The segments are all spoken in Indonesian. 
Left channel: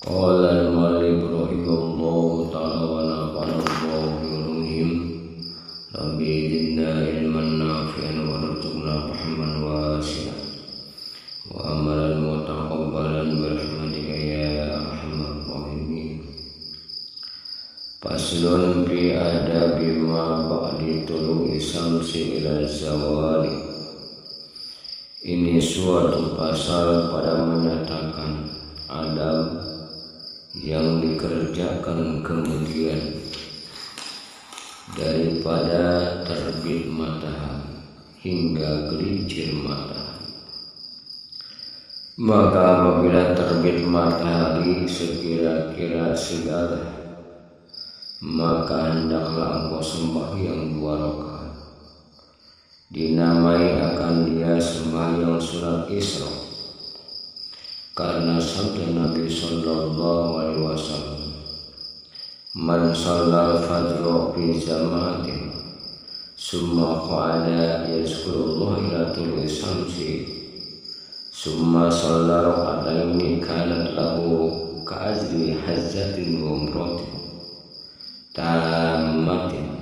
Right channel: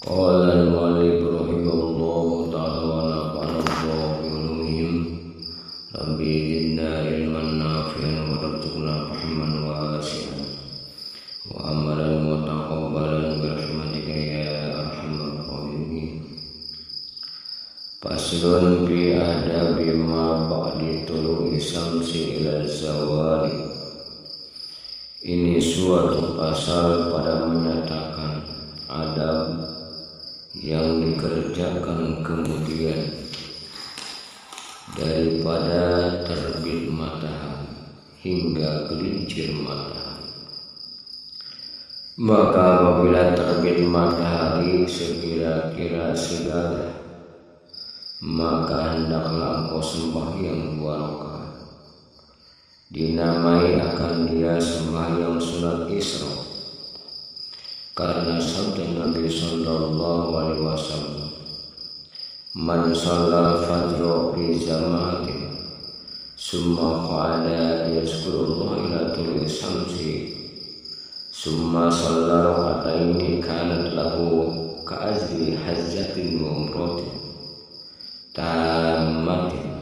Qala al-mu'allif rahimahullahu ta'ala wa nafa'ana Allahu bi ulumihim. Rabbi zidna ilman nafi'an warzuqna fahman wasi'an wa amalan mutaqabbalan birahmatika ya arhamar rahimin. Faslun fi adabi ma ba'di tulu'i syamsi ila zawali. Ini suatu pasal pada menyatakan adab yang dikerjakan kemudian daripada terbit matahari hingga gelincir matahari. Maka apabila terbit matahari sekira-kira segala, maka hendaklah engkau sembahyang 2 rakaat. Dinamai akan dia sembahyang sunat Isra, karena sabda Nabi sallallahu alaihi wasallam, man shallal fajra fi jama'atin summa qa'ada yazkurullah ila tulu'i syamsi summa shalla rak'ataini kanat lahu ka'ajri hajjatin wa umratin tammatin.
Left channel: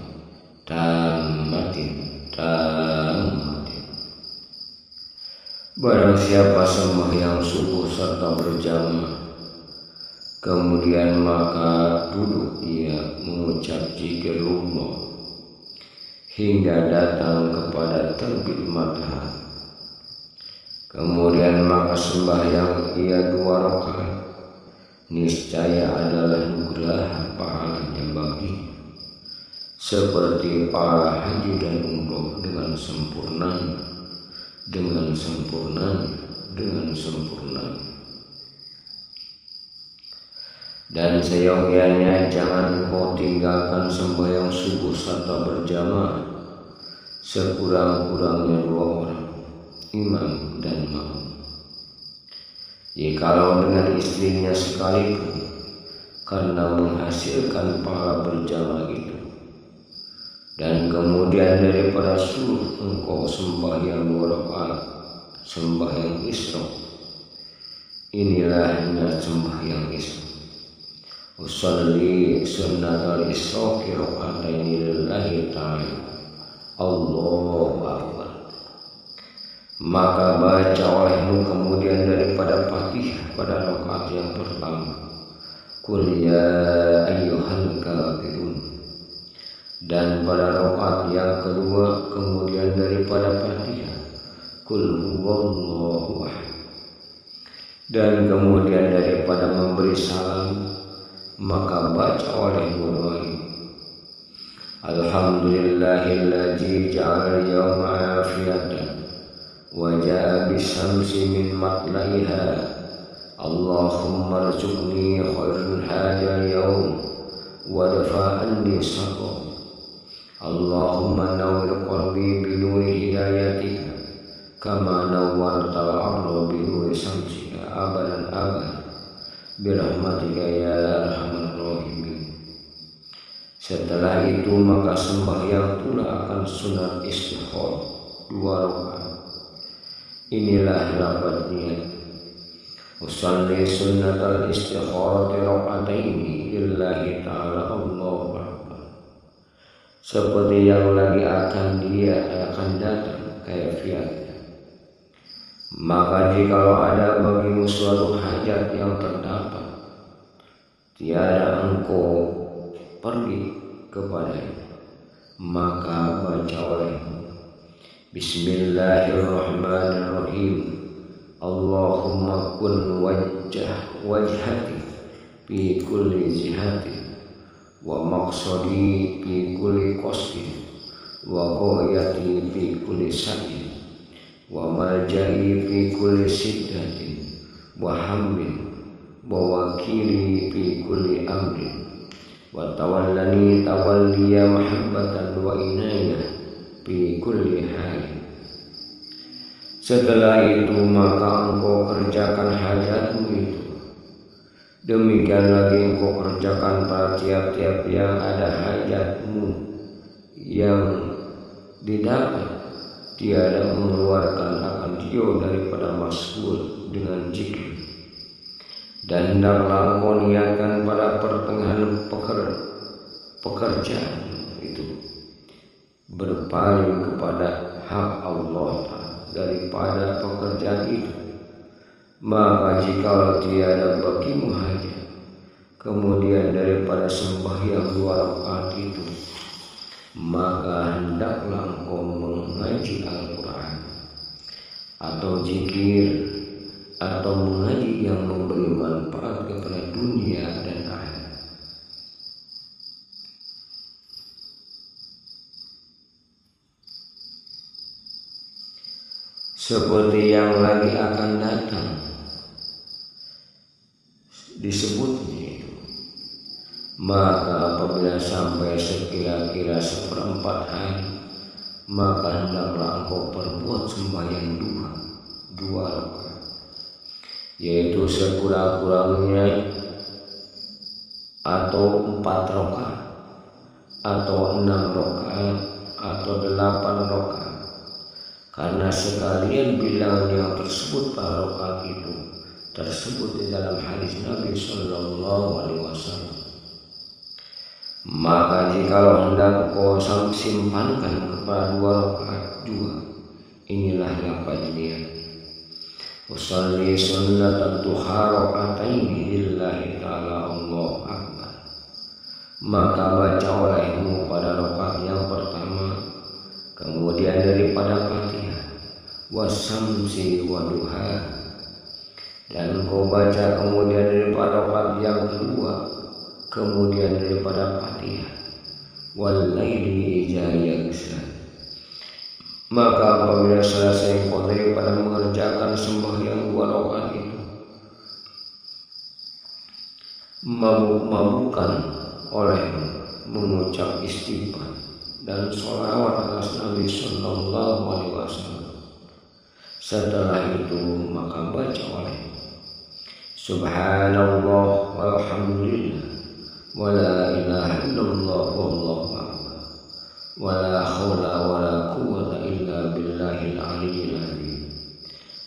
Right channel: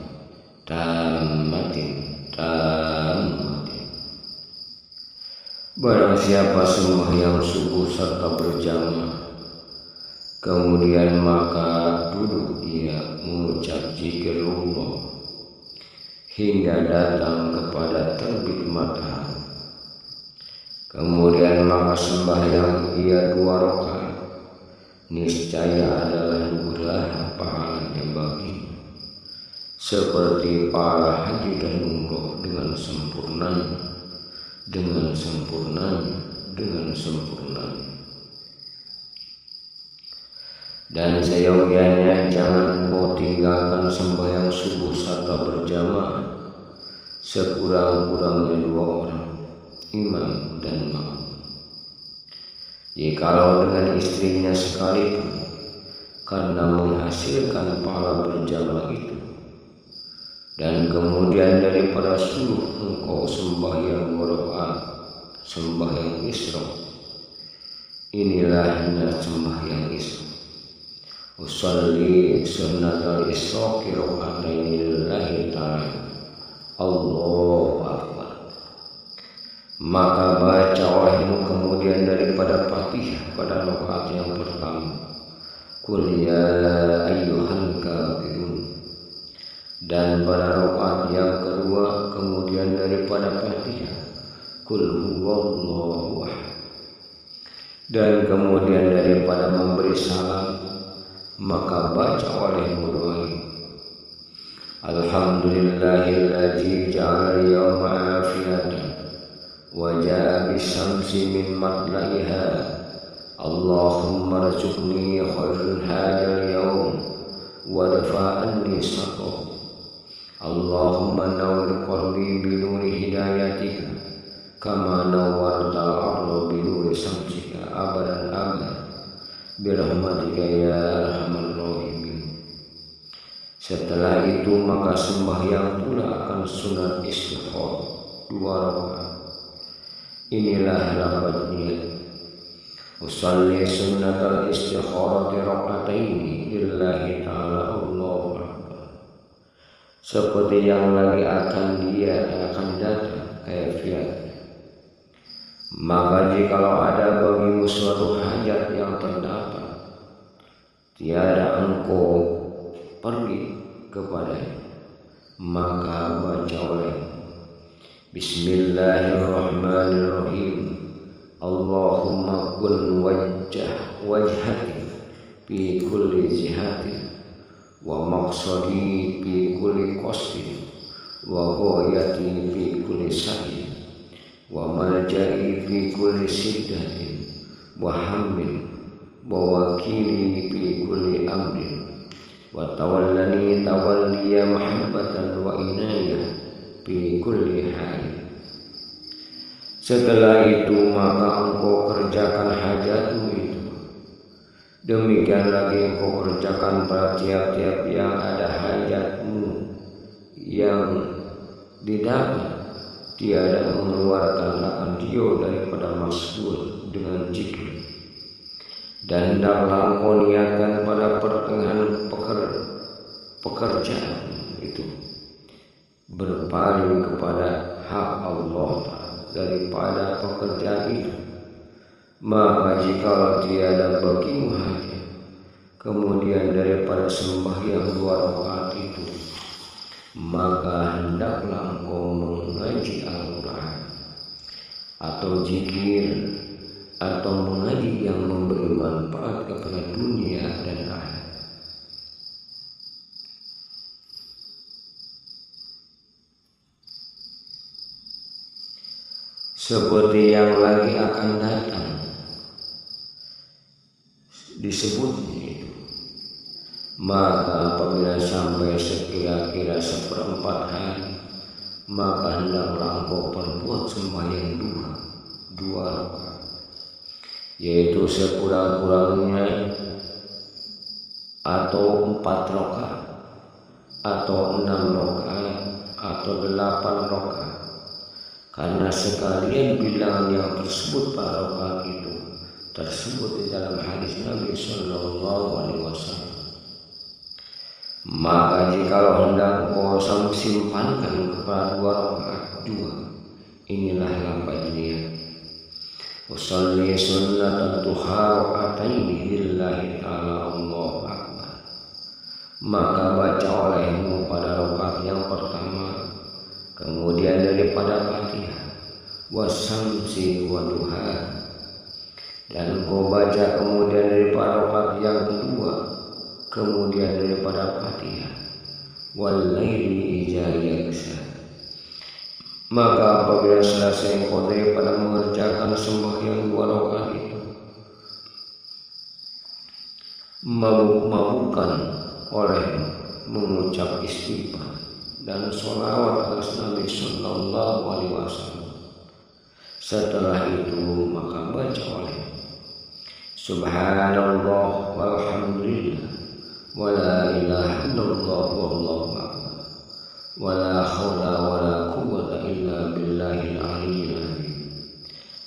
Barang siapa sembahyang subuh serta berjamaah, kemudian maka duduk ia mengucap zikrullah hingga datang kepada terbit matahari, kemudian maka sembahyang ia 2 rakaat, niscaya adalah nugraha pahalanya baginya seperti pahala haji dan umroh dengan sempurnanya. Dan seyogianya jangan engkau tinggalkan sembahyang subuh serta berjamaah sekurang-kurangnya 2 orang, imam dan makmum. Jikalau dengan istrinya sekalipun, karena menghasilkan pahala berjamaah itu. Dan kemudian daripada suruh engkau sembahyang 2 rakaat, sembahyang Isra, inilah hanya sembahyang Isra. Usalli sunnatal Isra raka'ataini lillahi ta'ala, Allahu akbar. Maka baca olehmu kemudian daripada Fatihah pada rakaat yang pertama, Qul ya ayyuhal kafirun, dan pada rakaat yang kedua kemudian daripada Fatihah Qul huwallahu ahad, dan kemudian daripada memberi salam maka baca olehmu doa ini, alhamdulillahilladzi ja'ala al-yawma afiyatan wa ja'a bisyamsi min matla'iha, Allahumma rzuqni khairal hadzal yawm wa dafa'anni syarrahu, Allahumma nawwir qalbi bi nuri hidayatika kama nawwartal arda bi nuri syamsika abadan abad birahmatika ya arhamar rahimin. Setelah itu maka sembahyang pula akan sunat istikharah 2 rakaat. Inilah lafaz niat, usalli sunnatal istikharati raka'ataini lillahi ta'ala, Allahu akbar. Seperti yang lagi akan datang kaifiatnya. Maka jikalau ada bagimu suatu hajat yang terdapat, tiada engkau pergi kepadanya, maka baca olehmu Bismillahirrahmanirrahim, Allahumma kun wajhati fi kulli jihati wa maqsadi fi kulli qasdi wa ghayati fi kulli sa'i wa malja'i fi kulli siddatin wa hammin wa wakili fi kulli amrin wa tawallani tawalliya mahabbatan wa inayah fi kulli hal. Setelah itu maka engkau kerjakan hajatmu itu. Demikian lagi engkau kerjakan pada tiap-tiap yang ada hajatmu yang didapat, tiada mengeluarkan akan dia daripada mas'ul dengan zikir. Dan hendaklah engkau niatkan pada pertengahan pekerjaan itu berpaling kepada hak Allah daripada pekerjaan itu. Maka jikalau tiada bagimu hajat kemudian daripada sembahyang 2 rakaat itu, maka hendaklah engkau mengaji Al-Quran atau zikir atau mengaji yang memberi manfaat kepada dunia dan akhirat. Seperti yang lagi akan datang disebutnya itu. Maka apabila sampai sekira-kira 1/4 hari, maka hendaklah engkau perbuat sembahyang duha 2 rakaat, yaitu sekurang-kurangnya atau 4 rakaat atau 6 rakaat atau 8 rakaat, karena sekalian bilangan yang tersebut pada rakaat itu tersebut di dalam hadis Nabi Sallallahu Alaihi Wasallam. Maka jikalau hendak kau simpankan kepada 2 rakaat juga, inilah lafaz niat. Usalli sunnat duha rakaataini lillahi ta'ala Allahu akbar. Maka baca olehmu pada rakaat yang pertama, kemudian daripada Fatihah, wasamsi wa duha, dan kau baca kemudian daripada rakaat yang kedua, kemudian daripada Fatihah, walaili idza yaghsha. Maka apabila selesai engkau daripada mengerjakan sembahyang 2 rakaat itu, mabuk-mabukan olehmu mengucap istighfar dan sholawat atas Nabi Sallallahu Alaihi Wasallam. Setelah itu maka baca olehmu Subhanallah walhamdulillah wala ilaha illallah wallahu akbar wala haula wala quwwata illa billahil aliyyil azim.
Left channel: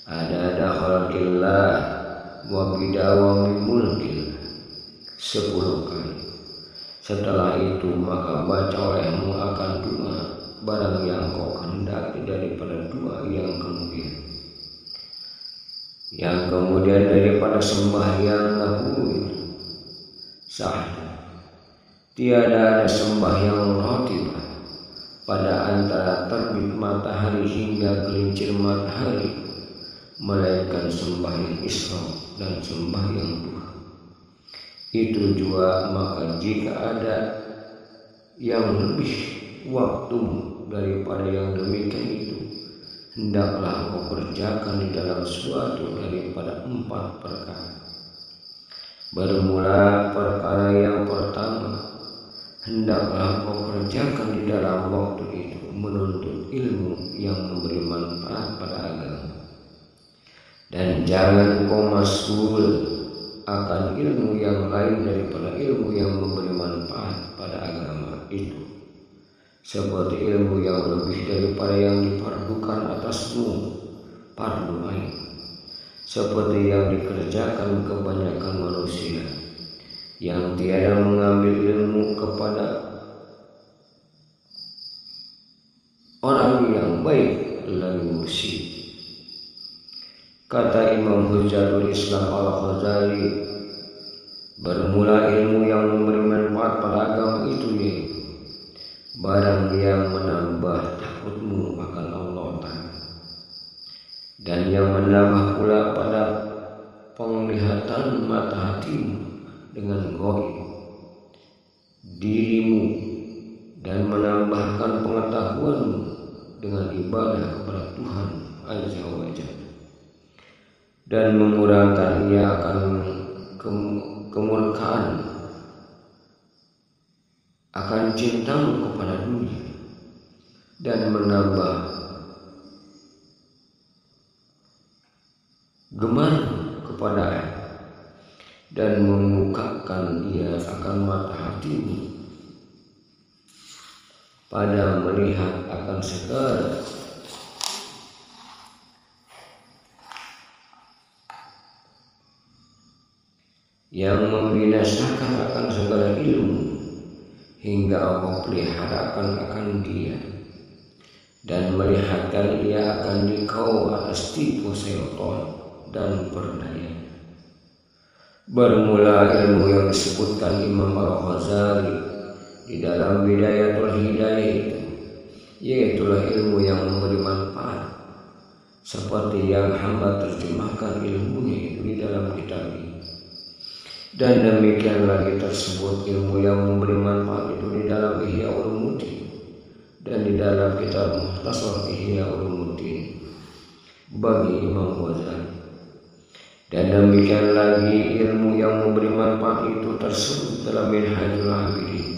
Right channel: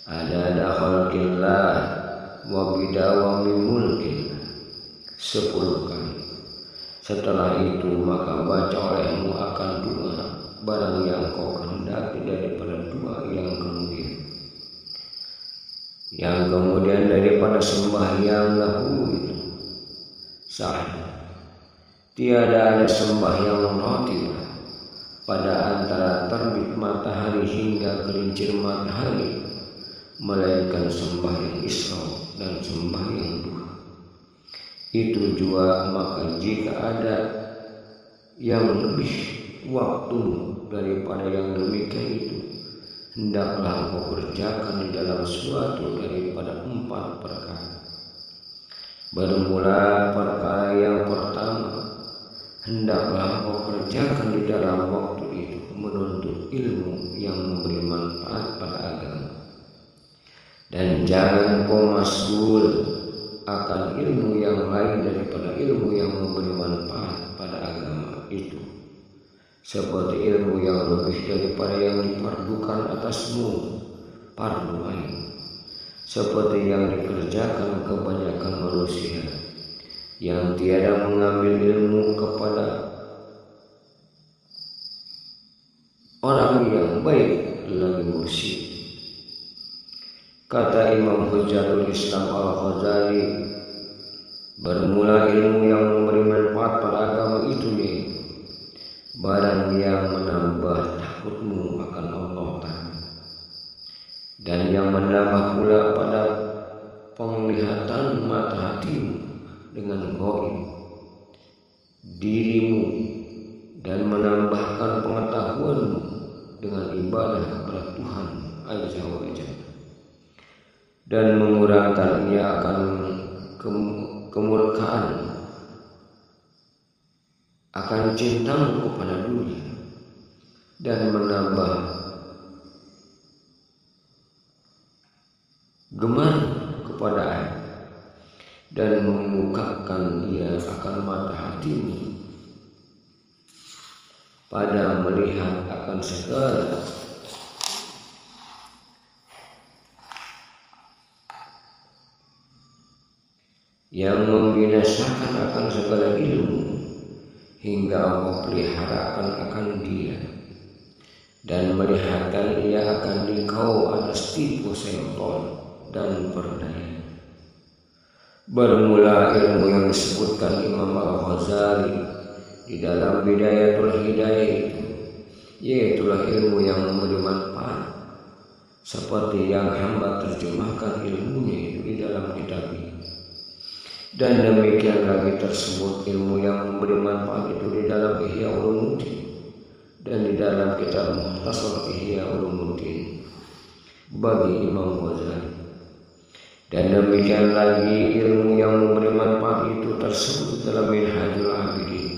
Adada khalqillah wa bidawami mulkillah 10 kali. Setelah itu maka baca olehmu akan doa barang yang kau kehendaki daripada doa yang kemudian daripada sembahyang dahulu itu sah. Tiada ada sembahyang ratibah pada antara terbit matahari hingga gelincir matahari, melainkan sembahyang isra dan sembahyang duha. Itu juga maka jika ada yang lebih waktu daripada yang demikian itu, hendaklah kau kerjakan di dalam suatu daripada 4 perkara. Bermula perkara yang pertama, hendaklah kau kerjakan di dalam waktu itu menuntut ilmu yang memberi manfaat pada agama, dan jangan kau mas'ul akan ilmu yang lain daripada ilmu yang memberi manfaat pada agama itu, seperti ilmu yang lebih daripada yang difardukan atasmu, fardu ain, seperti yang dikerjakan kebanyakan manusia yang tiada mengambil ilmu kepada orang yang baik lagi mursyid. Kata Imam Hujjatul Islam Al-Ghazali, bermula ilmu yang memberi manfaat pada agama itu yaitu barang yang menambah takutmu akan Allah Ta'ala, dan yang menambah pula pada penglihatan mata hatimu dengan gaib dirimu, dan menambahkan pengetahuanmu dengan ibadah kepada Tuhan Azza wa Jalla, dan mengurangkan ia akan kemurkaan akan cintamu kepada dunia, dan menambah gemar kepada air, dan membukakan ia akan mata hatimu pada melihat akan segala yang membinasakan akan segala ilmu hingga Allah peliharakan akan dia dan melihatkan ia akan dikau atas tipu syaitan dan perdayanya. Bermula ilmu yang disebutkan Imam Al-Ghazali di dalam Bidayatul Hidayah itu, yaitulah ilmu yang memberi manfaat seperti yang hamba terjemahkan ilmunya itu di dalam kitab ini. Dan demikian lagi tersebut ilmu yang memberi manfaat itu di dalam Ihya Ulumuddin dan di dalam kitab Mukhtasar Ihya Ulumuddin bagi Imam Ghazali. Dan demikian lagi ilmu yang memberi manfaat itu tersebut dalam Minhajul Abidin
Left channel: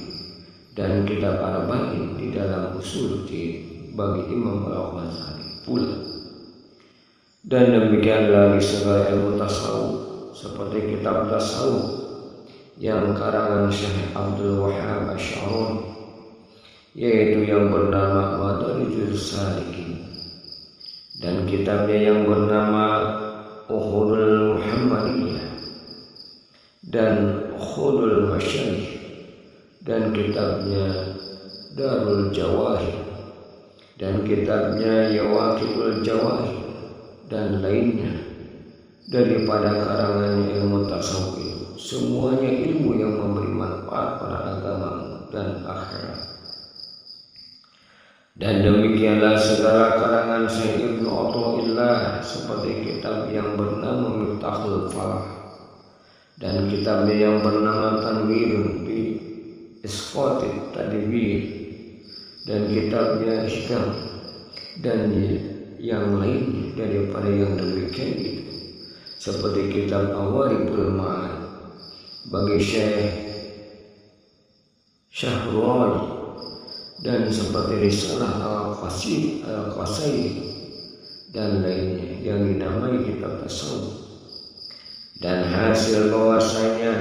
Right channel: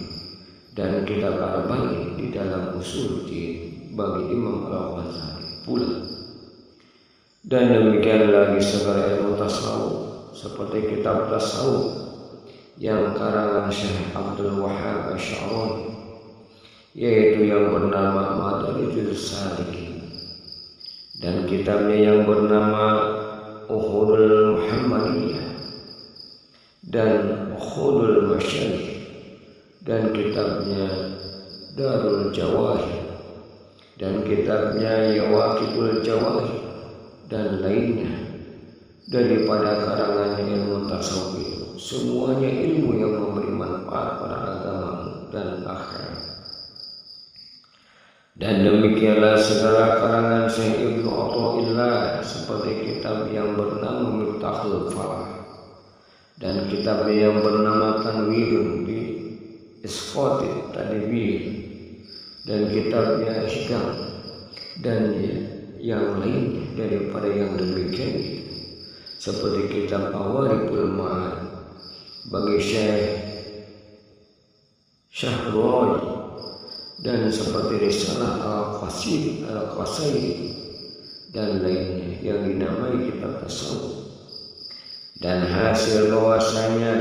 dan kitab Arba'in di dalam Usul Din bagi Imam Al-Ghazali pula. Dan demikian lagi segala ilmu tasawuf seperti kitab tasawuf yang karangan Syekh Abdul Wahhab Asy'arani, yaitu yang bernama Madarijus Salikin, dan kitabnya yang bernama Uhudul Muhammadiyah dan Uhudul Masyayikh, dan kitabnya Darul Jawahir dan kitabnya Yawaqitul Jawahir dan lainnya daripada karangannya ilmu tasawuf itu. Semuanya ilmu yang memberi manfaat pada agama dan akhirat. Dan demikianlah segala karangan Syekh Ibnu Athaillah seperti kitab yang bernama Miftahul Falah dan kitabnya yang bernama Tanwirun fi Isqatit Tadbir dan kitabnya Hikam dan yang lainnya daripada yang demikian itu, seperti kitab Awariful Ma'arif bagi Syekh Syahrawi dan seperti Risalah Al-Qasairi dan lainnya yang dinamai kitab tasawuf. Dan hasil bahwasanya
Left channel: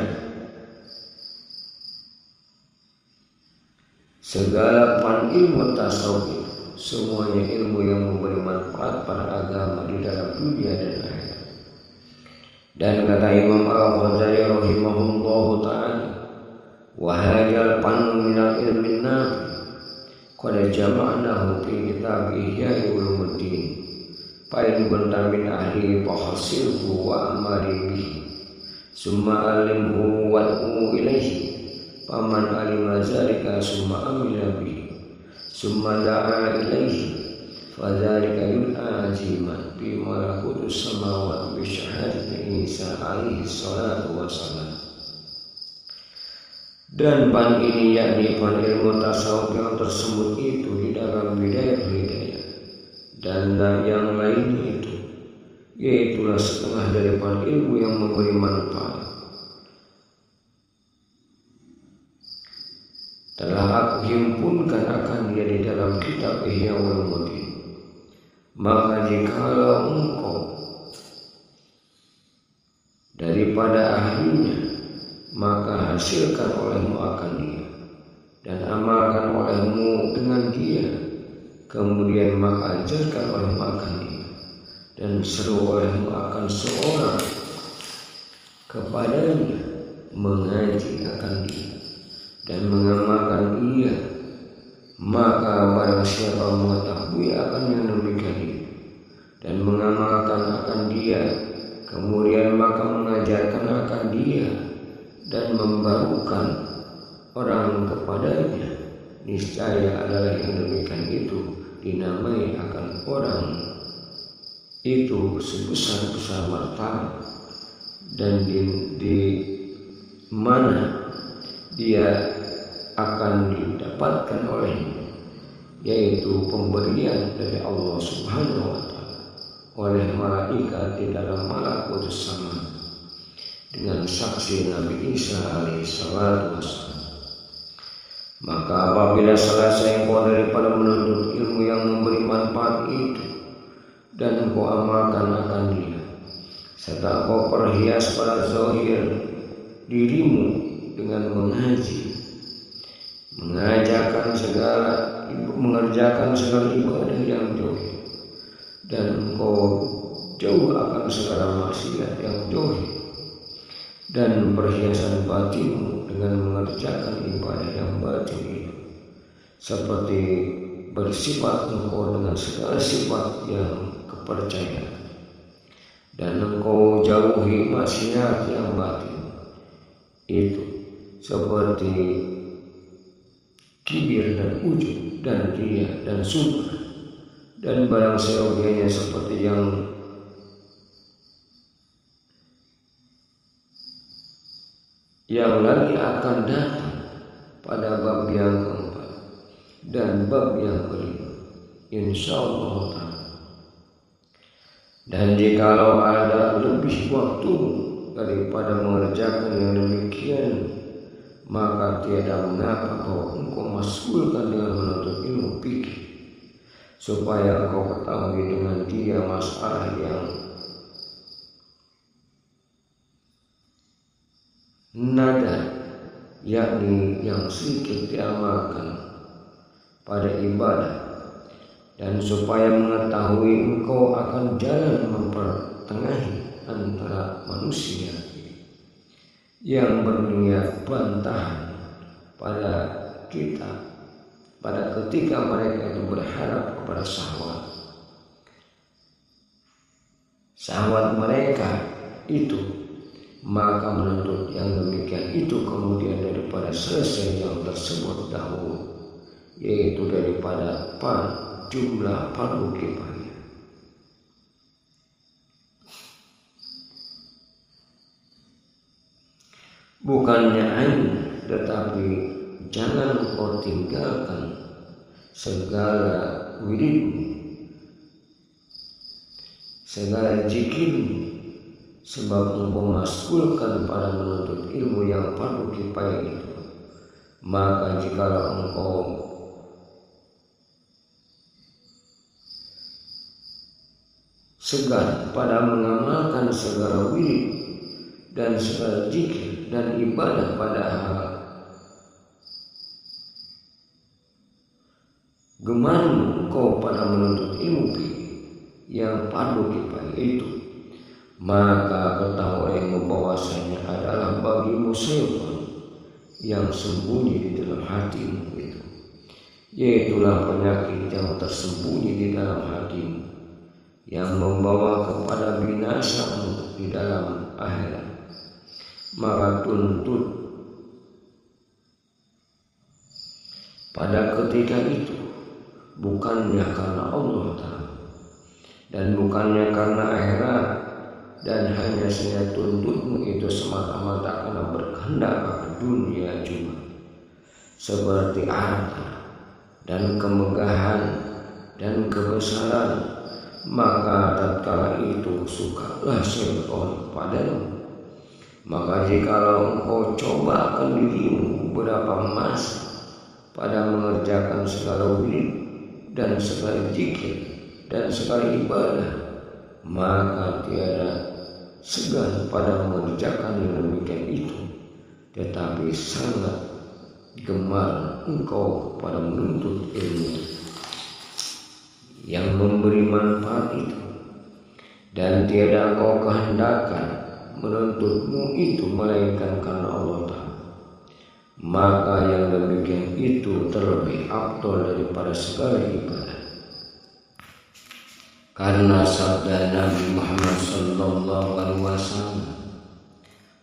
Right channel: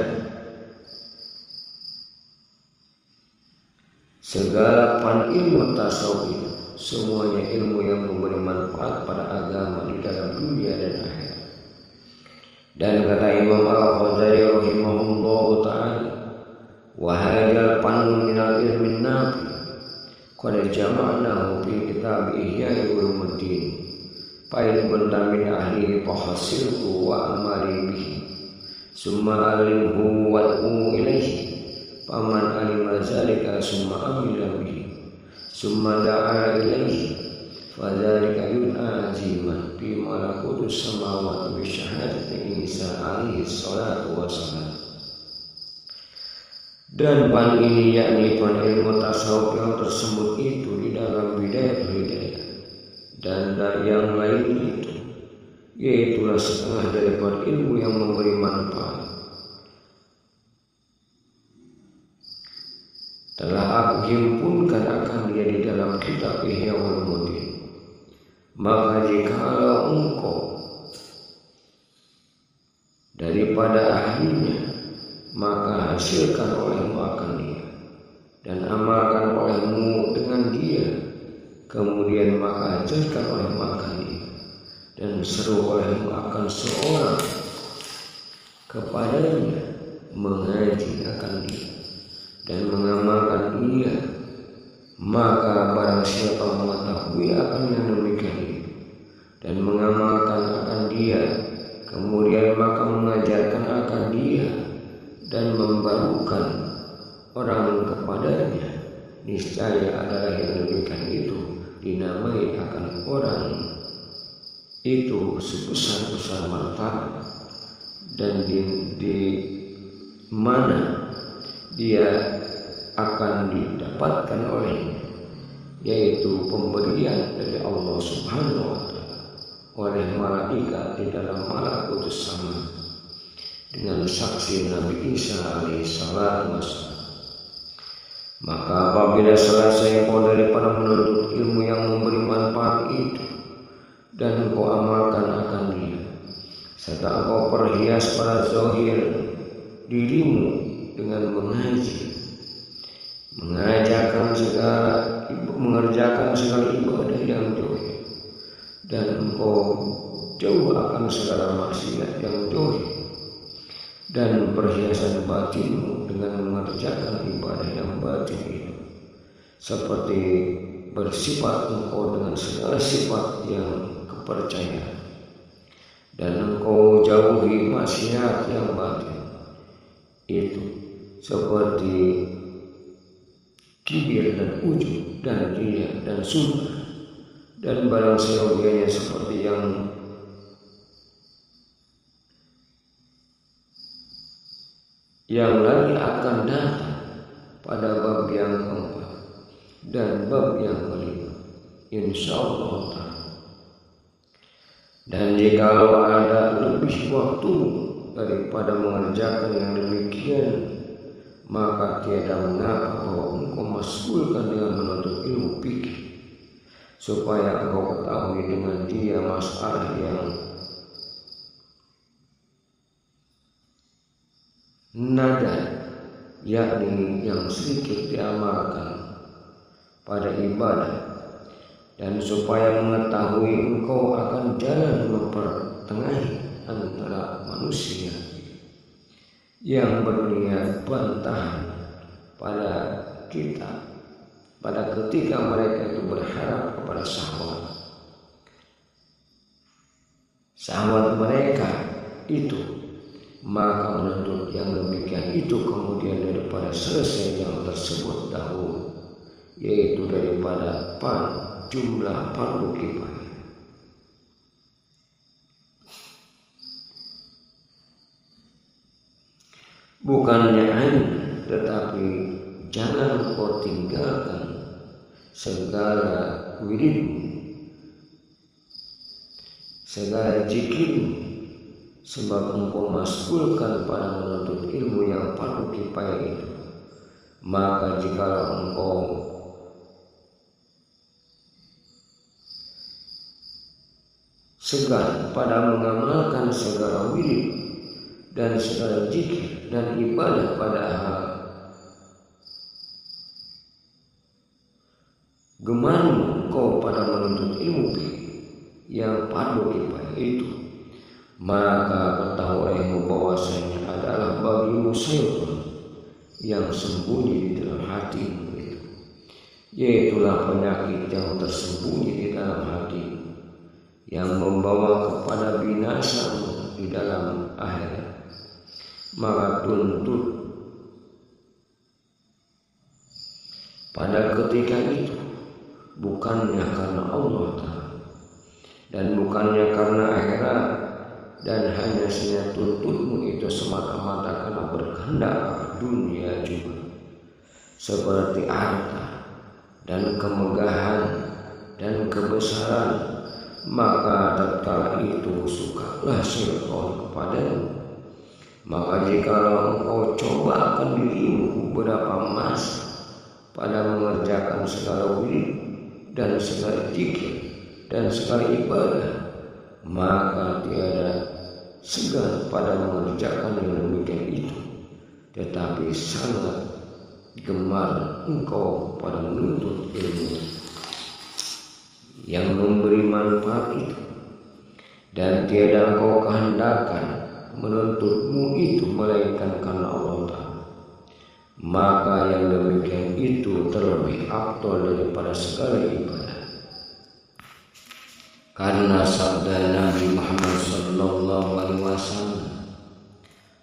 segala pan ilmu tasawuf itu semuanya ilmu yang memberi manfaat pada agama di dalam dunia dan akhirat. Dan kata Imam Al-Ghazali rahimahullahu ta'ala, wa hadzal fannu minal ilmin nafi qad jama'nahu fi kitab Ihya Ulumuddin fa in kunta min ahlihi fahasilhu wa amari bihi summa alimhu wad'u ilaihi faman alima zalika summa amila bihi summa da'a ilaihi fadzalika yud'a aziman fi malakutus samawati bi syahadati Isa alaihi salatu wassalam. Dan pan ini yakni pan ilmu tasawuf yang tersebut itu di dalam Bidayatul Hidayah dan yang lainnya itu, yaitulah setengah dari pan ilmu yang memberi manfaat. Telah aku himpunkan akan dia di dalam kitab Ihya Ulumuddin. Maka jikalau engkau daripada ahlinya, maka hasilkan olehmu akan dia dan amalkan olehmu dengan dia, kemudian maka ajarkan olehmu akan dia dan seru olehmu akan seorang kepadanya mengaji akan dia dan mengamalkan ia. Maka barang siapa mengetahui akan yang demikian itu dan mengamalkan akan dia, kemudian maka mengajarkan akan dia dan membarukan orang kepadanya, niscaya adalah yang demikian itu dinamai akan orang itu sebesar-besar martabat dan di mana dia akan didapatkan olehnya, yaitu pemberian dari Allah Subhanahu wa ta'ala oleh malaikat di dalam malakutus sama dengan saksi Nabi Isa alaihi salatu wassalam. Maka apabila selesai engkau daripada menuntut ilmu yang memberi manfaat itu dan engkau amalkan akan dia, serta engkau perhias pada zahir dirimu dengan mengerjakan segala ibadah yang zahir, dan engkau jauh akan segala maksiat yang zahir, dan perhiasan batinmu dengan mengerjakan ibadah yang batin itu, seperti bersifat engkau dengan segala sifat yang kepercayaan, dan engkau jauhi maksiat yang batin itu, seperti kibir dan ujub dan riya dan sum'ah dan barang seyogianya, seperti yang lagi akan datang pada bab yang keempat dan bab yang kelima, insyaallah ta'ala. Dan jikalau ada lebih waktumu daripada mengerjakan yang demikian, maka tiada mengapa bahwa engkau masgulkan dengan menuntut ilmu fikih, supaya engkau ketahui dengan dia masalah yang nadar, yakni yang sedikit diamalkan pada ibadah, dan supaya mengetahui engkau akan jalan mempertengahi antara manusia yang berniat bantahan pada kita pada ketika mereka itu berharap kepada syahwat mereka itu, maka menuntut yang demikian itu kemudian daripada selesai yang tersebut dahulu, yaitu daripada jumlah fardu kifayah. Bukannya ain, tetapi jangan kau tinggalkan segala wiridmu, segala zikirmu, sebab engkau masgulkan pada menuntut ilmu yang fardu kifayah itu. Maka jikalau engkau segan pada mengamalkan segala wirid dan segala zikir dan ibadah, padahal gemarmu engkau pada menuntut ilmu yang fardu kifayah itu, maka ketahuimu bahwasanya adalah bagimu syaitan yang sembunyi di dalam hatimu itu, yaitulah penyakit yang tersembunyi di dalam hatimu yang membawa kepada binasamu di dalam akhirat. Maka tuntut pada ketika itu bukannya karena Allah Ta'ala dan bukannya karena akhirat, dan hanya saja tuntutmu itu semata-mata karena berkehendak akan dunia juga, seperti harta dan kemegahan dan kebesaran, maka tatkala itu sukalah syaitan kepadamu. Maka jikalau engkau coba akan dirimu beberapa masa pada mengerjakan segala wirid dan segala zikir dan segala ibadah, maka tiada segan pada mengerjakan yang demikian itu, tetapi sangat gemar engkau kepada menuntut ilmu yang memberi manfaat itu, dan tiada engkau kehendakan menuntutmu itu melainkan karena Allah Ta'ala, maka yang demikian itu terlebih afdal daripada segala ibadah. Karena sabda Nabi Muhammad sallallahu alaihi wasallam,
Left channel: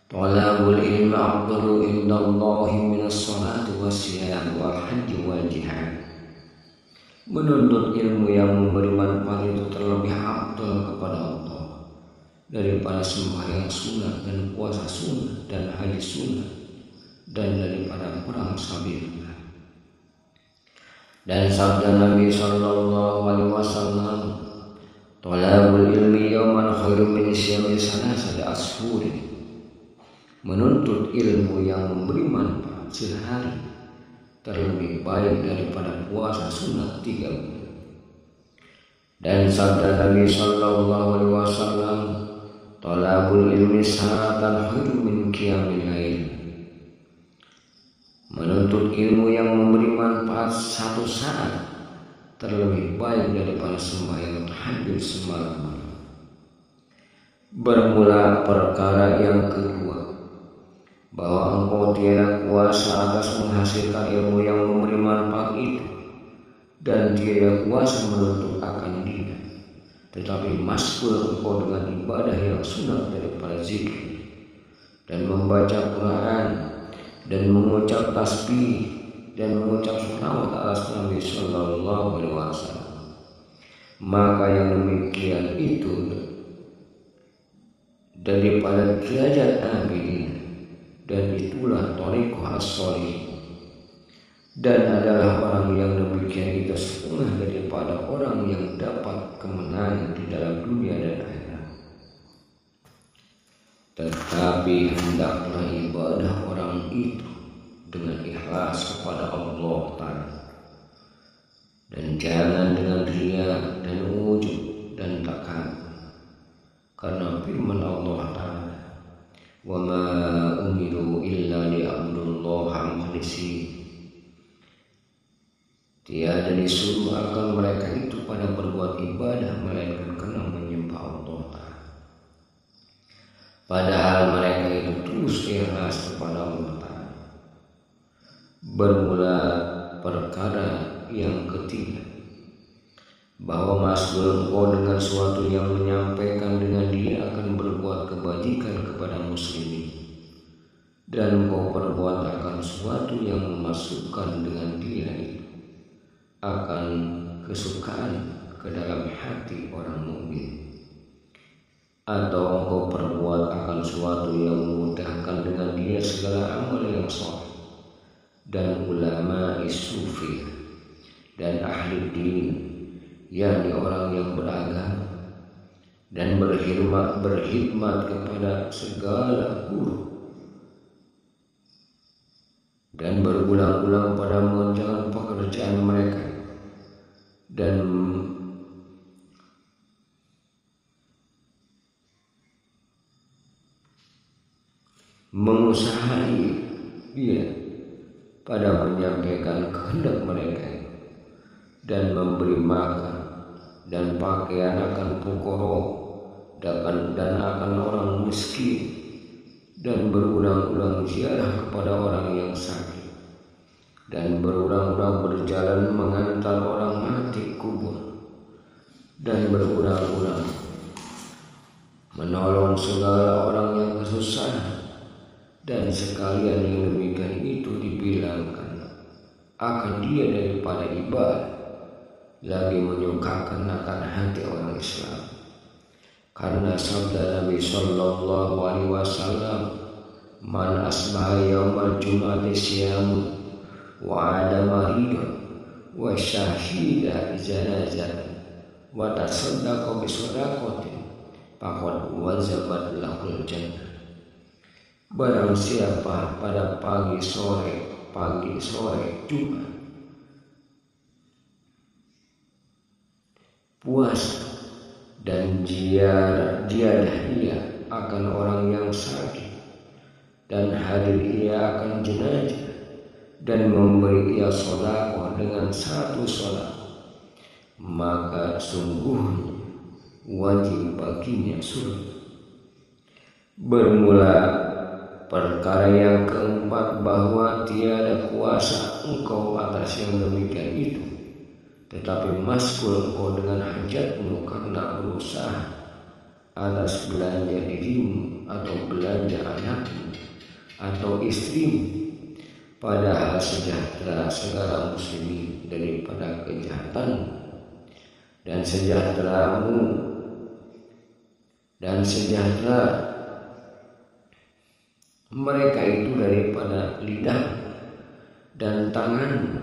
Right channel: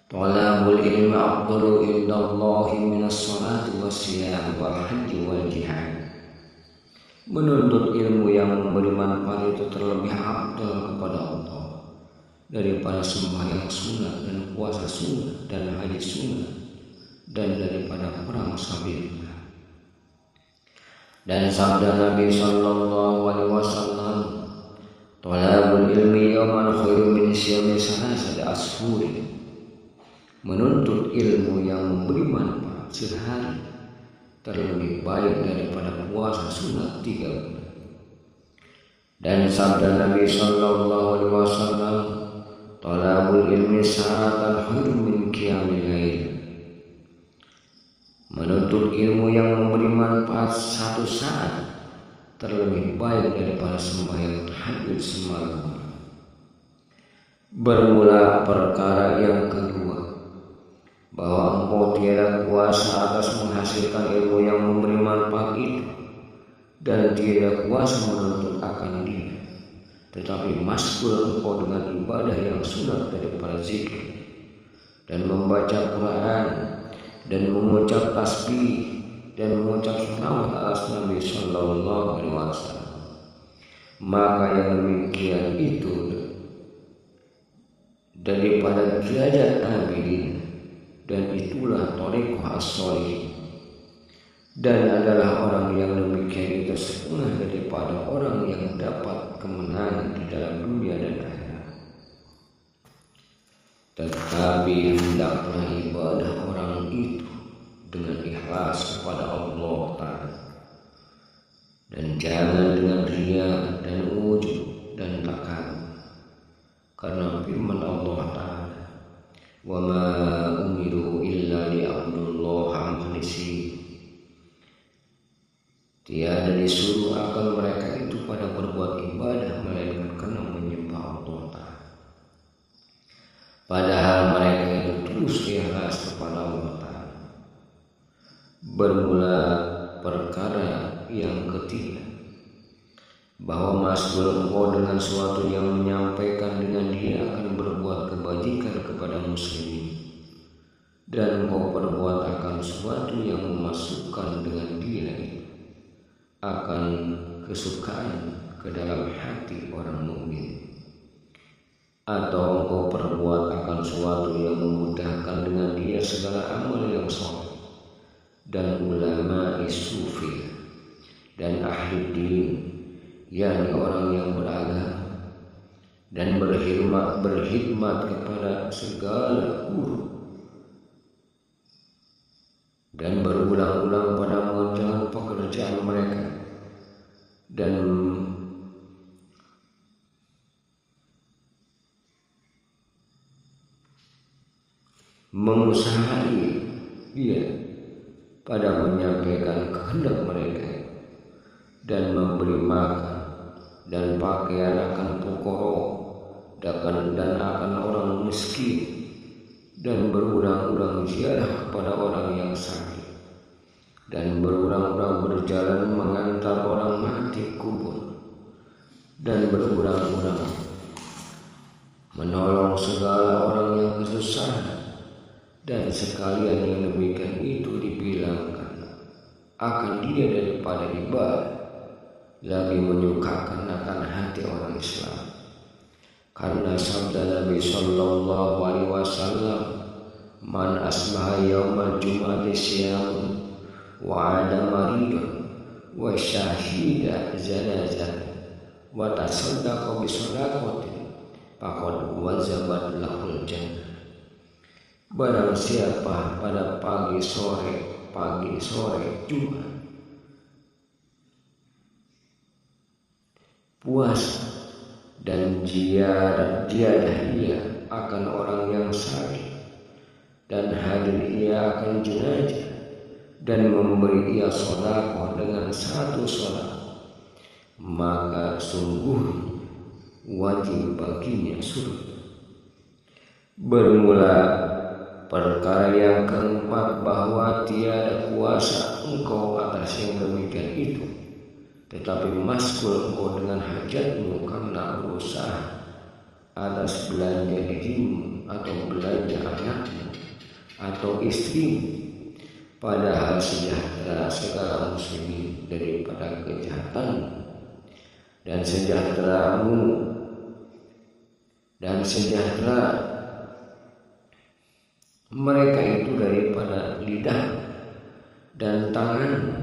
talabul ilmi afdalu indallahi minas salati wassiyam wal haji wal jihad. Menuntut ilmu yang memberi manfaat itu terlebih afdal kepada Allah daripada sembahyang sunat dan puasa sunat dan haji sunat dan daripada perang sabilillah. Dan sabda Nabi sallallahu alaihi wasallam, talabul ilmi yawman khairum min syiyami salasati ashhurin. Menuntut ilmu yang memberi manfaat sehari terlebih baik daripada puasa sunat 3 bulan. Dan sabda Nabi sallallahu alaihi wasallam, talabul ilmi sa'atan khairum min qiyamil lail. Menuntut ilmu yang memberi manfaat 1 saat terlebih baik daripada sembahyang tahajud semalam. Bermula perkara yang kedua, bahwa engkau tiada kuasa atas menghasilkan ilmu yang memberi manfaat itu, dan tiada kuasa menuntut akan dia, tetapi masbul engkau dengan ibadah yang sunat daripada zikir dan membaca Quran dan mengucap tasbih dan mengucap sholawat atas Nabi Sallallahu Alaihi Wasallam. Maka yang demikian itu daripada derajat abidin, dan itulah thariqah as-sholihin. Dan adalah orang yang demikian itu setengah daripada orang yang dapat kemenangan di dalam dunia dan akhirat. Tetapi hendaklah ibadah orang itu dengan ikhlas kepada Allah Ta'ala, dan jangan dengan riya dan ujub dan takabur. Karena firman Allah Ta'ala, wa ma umiru illa liya'budullaha mukhlishina, tiada disuruh akan mereka itu pada berbuat ibadah melainkan karena menyembah Allah Ta'ala, padahal mereka itu tulus ikhlas kepada Allah Ta'ala. Bermula perkara yang ketiga, bahwa masbul engkau dengan suatu yang menyampaikan dengan dia akan berbuat kebajikan kepada muslimin, dan engkau perbuat akan suatu yang memasukkan dengan dia itu akan kesukaan ke dalam hati orang mukmin, atau engkau perbuat akan suatu yang memudahkan dengan dia segala amal yang soleh, dan ulama sufi dan ahli din, yakni orang yang beragama dan berkhidmat kepada segala guru, dan berulang-ulang pada mengerjakan pekerjaan mereka, dan mengusahai dia pada menyampaikan kehendak mereka, dan memberi makan dan pakaian akan fuqara dan akan orang miskin, dan berulang-ulang ziarah kepada orang yang sakit, dan berulang-ulang berjalan mengantar orang mati kubur, dan berulang-ulang menolong segala orang yang kesusahan. Dan sekalian yang demikian itu dibilangkan akan dia daripada ibadah, lagi menyukakan akan hati orang Islam. Karena sabda Nabi Sallallahu Alaihi Wasallam, man asbaha yaumal jum'ati siyamun wa ada maridun wa syahida zanazatan wa tasaddaqa bi sadaqatin faqad wajabat lahul jannah. Barang siapa pada pagi sore Jumat puasa dan ziarah ia akan orang yang sakit, dan hadir ia akan jenazah, dan memberi ia sedekah dengan satu sedekah, maka sungguh wajib baginya surga. Bermula perkara yang keempat, bahwa tiada kuasa engkau atas yang demikian itu, tetapi masgul engkau dengan hajatmu karena berusaha atas belanja dirimu atau belanja anakmu atau istrimu, padahal sejahtera segala muslimin daripada kejahatan, dan sejahteramu dan sejahtera mereka itu daripada lidah dan tangan,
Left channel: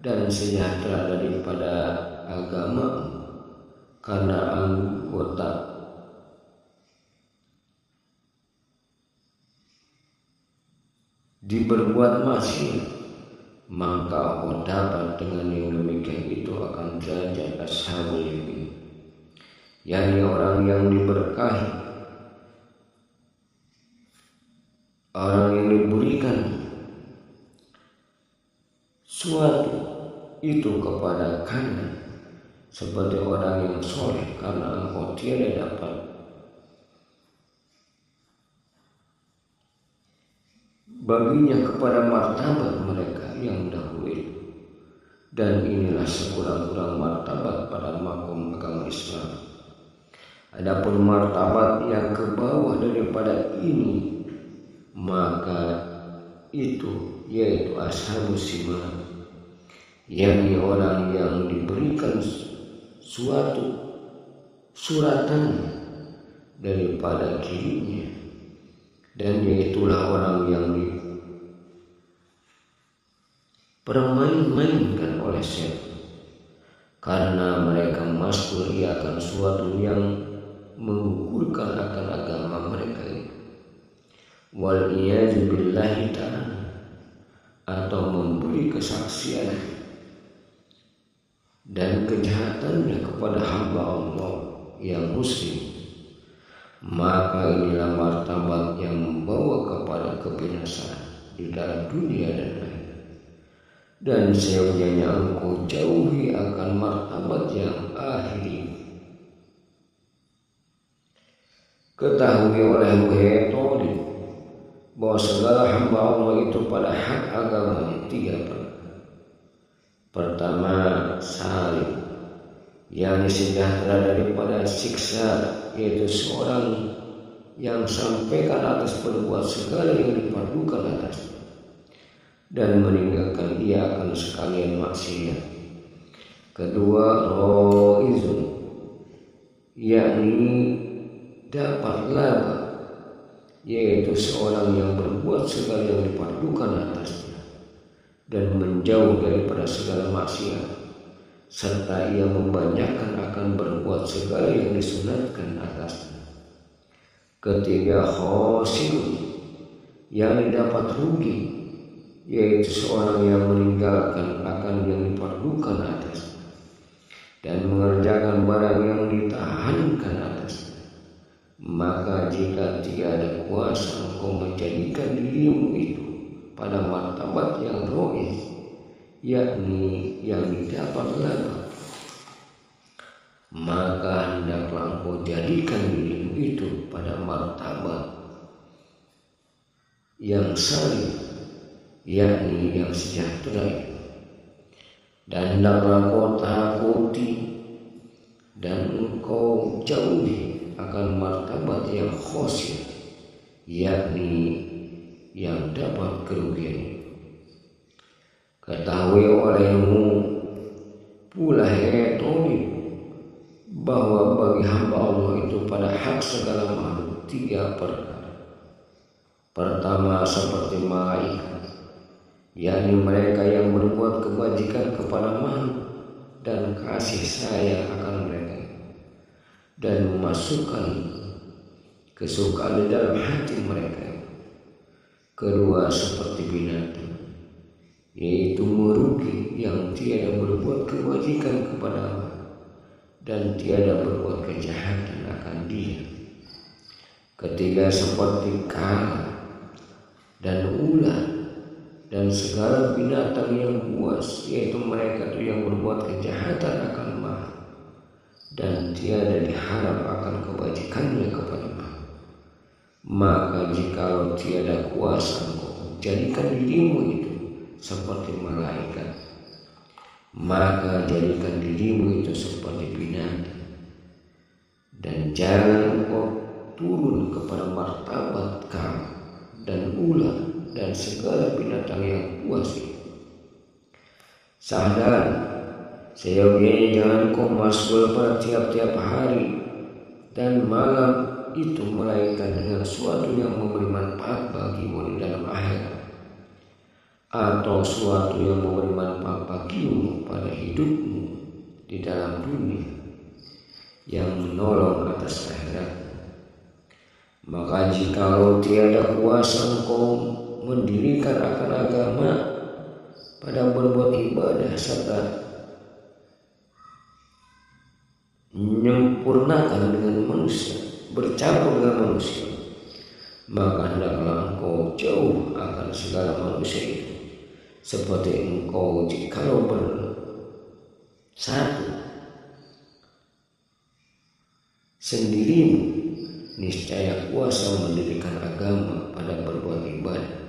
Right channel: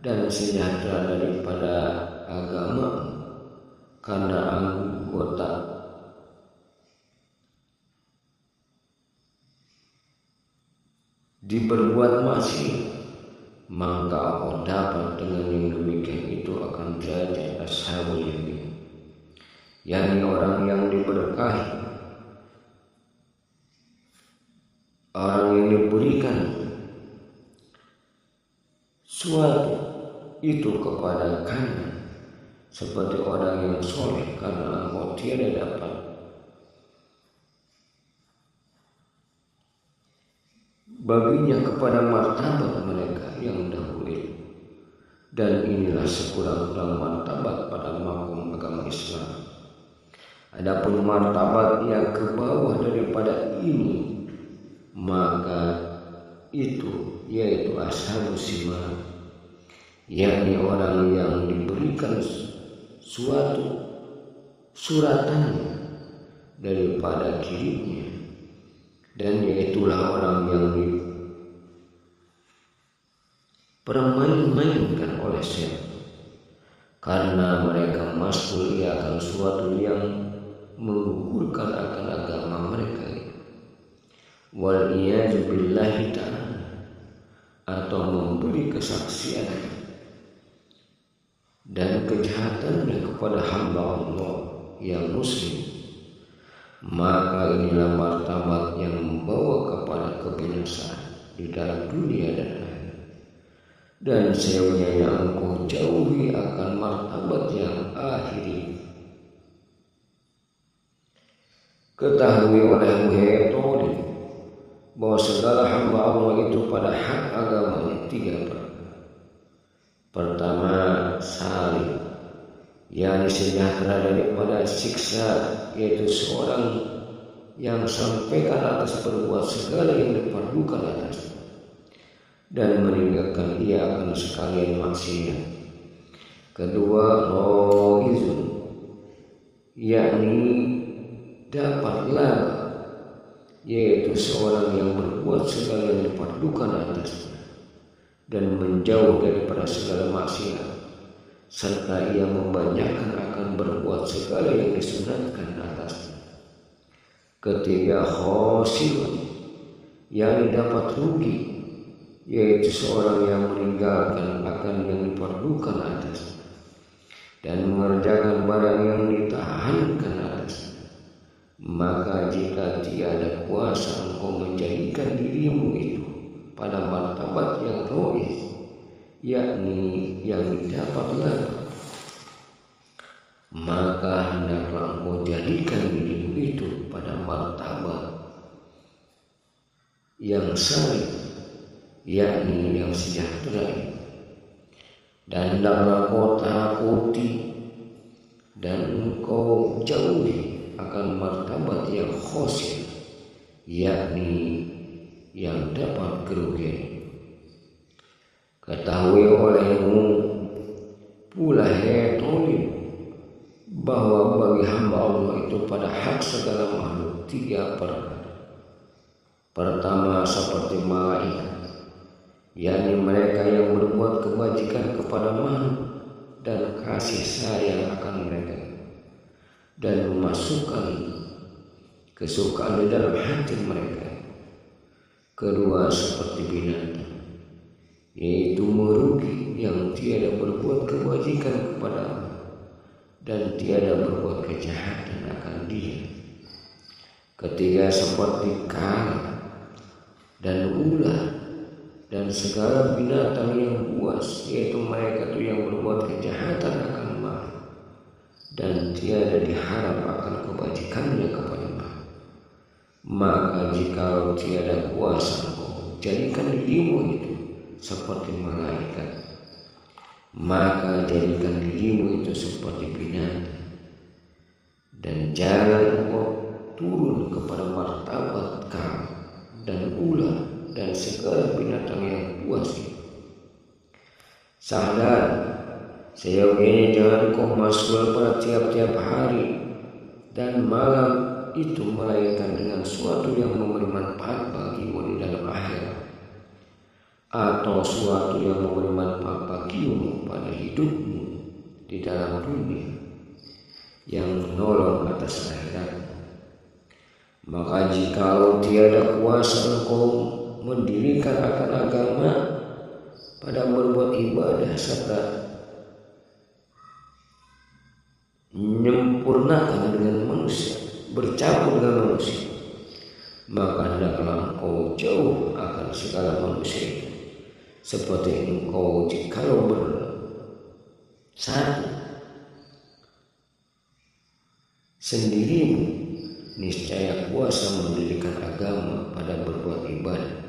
dan sejahtera daripada agama, karena anggota diperbuat maksiat, maka kau dapat dengan yang demikian itu akan derajat ashabul yamin, yakni orang yang diberkahi, orang yang diberikan suatu itu kepada kanan, seperti orang yang soleh, karena engkau baginya kepada martabat mereka yang dahulu itu. Dan inilah sekurang-kurang martabat pada makom agama Islam. Adapun martabat yang ke bawah daripada ini, maka itu yaitu ashabus simar, yakni orang yang diberikan suatu suratan daripada kirimnya, dan yaitulah orang yang dipermain-mainkan oleh setan, karena mereka masuk akan suatu yang mengukurkan akan agama mereka ini. Wal iyadu billahi ta'ala, atau memberi kesaksian dan kejahatannya kepada hamba Allah yang muslim, maka inilah martabat yang membawa kepada kebinasaan di dalam dunia dan akhirat. Dan seyogyanya engkau jauhi akan martabat yang akhiri. Ketahui oleh Muhammad bahwa segala hamba Allah itu pada hak agamanya 3 perkara. Pertama, salim, yakni sejahtera daripada siksa, yaitu seorang yang sampaikan atas berbuat segala yang diperlukan atasnya dan meninggalkan ia akan sekalian maksiat. Kedua, roizun, yakni dapat laba, yaitu seorang yang berbuat segala yang diperlukan atasnya dan menjauh daripada segala maksiat, serta ia membanyakkan akan berbuat segala yang disunatkan atasnya. Ketiga, khosirun, yakni dapat rugi, yaitu seorang yang meninggalkan akan yang diperlukan atasnya dan mengerjakan barang yang ditahankan atasnya. Maka jika tiada kuasa engkau menjadikan dirimu itu pada martabat yang rois, yakni yang didapat laba, maka hendaklah engkau jadikan dirimu itu pada martabat yang salim, yakni yang sejahtera itu. Dan hendaklah engkau takuti dan engkau jauhi akan martabat yang khosir, yakni yang dapat kerugian. Ketahui olehmu pula hai tolib, bahwa bagi hamba Allah itu pada hak segala makhluk 3 perkara. Pertama, seperti malaikat, yakni mereka yang berbuat kebajikan kepada makhluk dan kasih sayang akan mereka dan memasukkan kesukaan di dalam hati mereka. Kedua, seperti binatang, yaitu merugi yang tiada berbuat kebajikan kepada Allah dan tiada berbuat kejahatan akan dia. Ketiga, seperti kala dan ular dan segala binatang yang buas, yaitu mereka itu yang berbuat kejahatan akan makhluk dan tiada diharap akan kebajikannya kepada makhluk. Maka jikalau tiada kuasa engkau jadikan dirimu itu seperti malaikat, maka jadikan dirimu itu seperti binatang, dan jangan engkau turun kepada martabat kala dan ular dan segala binatang yang buas itu. Sadar, seyogyanya jangan kau masuk pada tiap-tiap hari dan malam itu melainkan dengan suatu yang memberi manfaat bagimu di dalam akhirat, atau suatu yang memberi manfaat bagimu pada hidupmu di dalam dunia yang menolong atas akhiratmu. Maka jikalau tiada kuasa engkau mendirikan akan agama pada berbuat ibadah serta menyempurnakan dengan manusia, bercampur dengan manusia, maka hendaklah engkau jauh akan segala manusia itu, seperti engkau jikalau bersatu sendirimu, niscaya kuasa mendirikan agama pada berbuat ibadah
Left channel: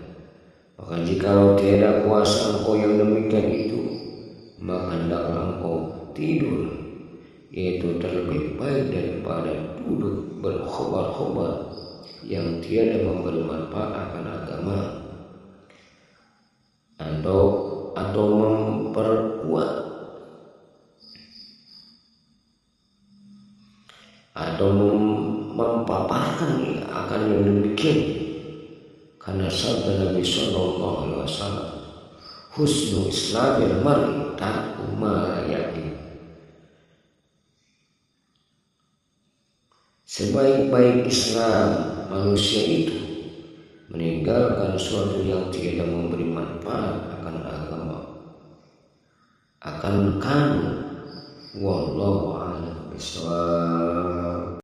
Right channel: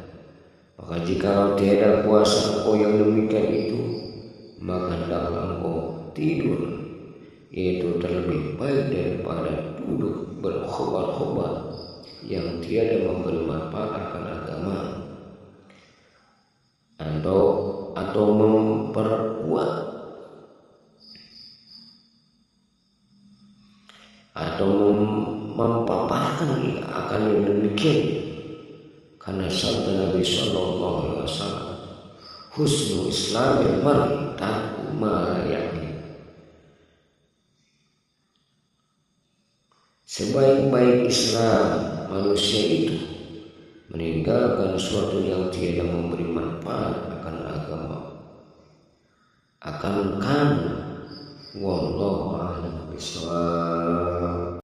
Maka jikalau tiada kuasa engkau yang demikian itu, maka hendaklah engkau tidur, yaitu terlebih baik daripada duduk berkhobar-khobar yang tiada memberi manfaat akan agama, atau memperkuat atau mempaparkan akan yang demikian. Karena sabda Nabi Sallallahu Alaihi Wasallam, husnu islamil mar'i tarku ma la ya'ni. Sebaik-baik Islam manusia itu meninggalkan sesuatu yang tiada memberi manfaat akan agama. Wallahu a'lam bishawab.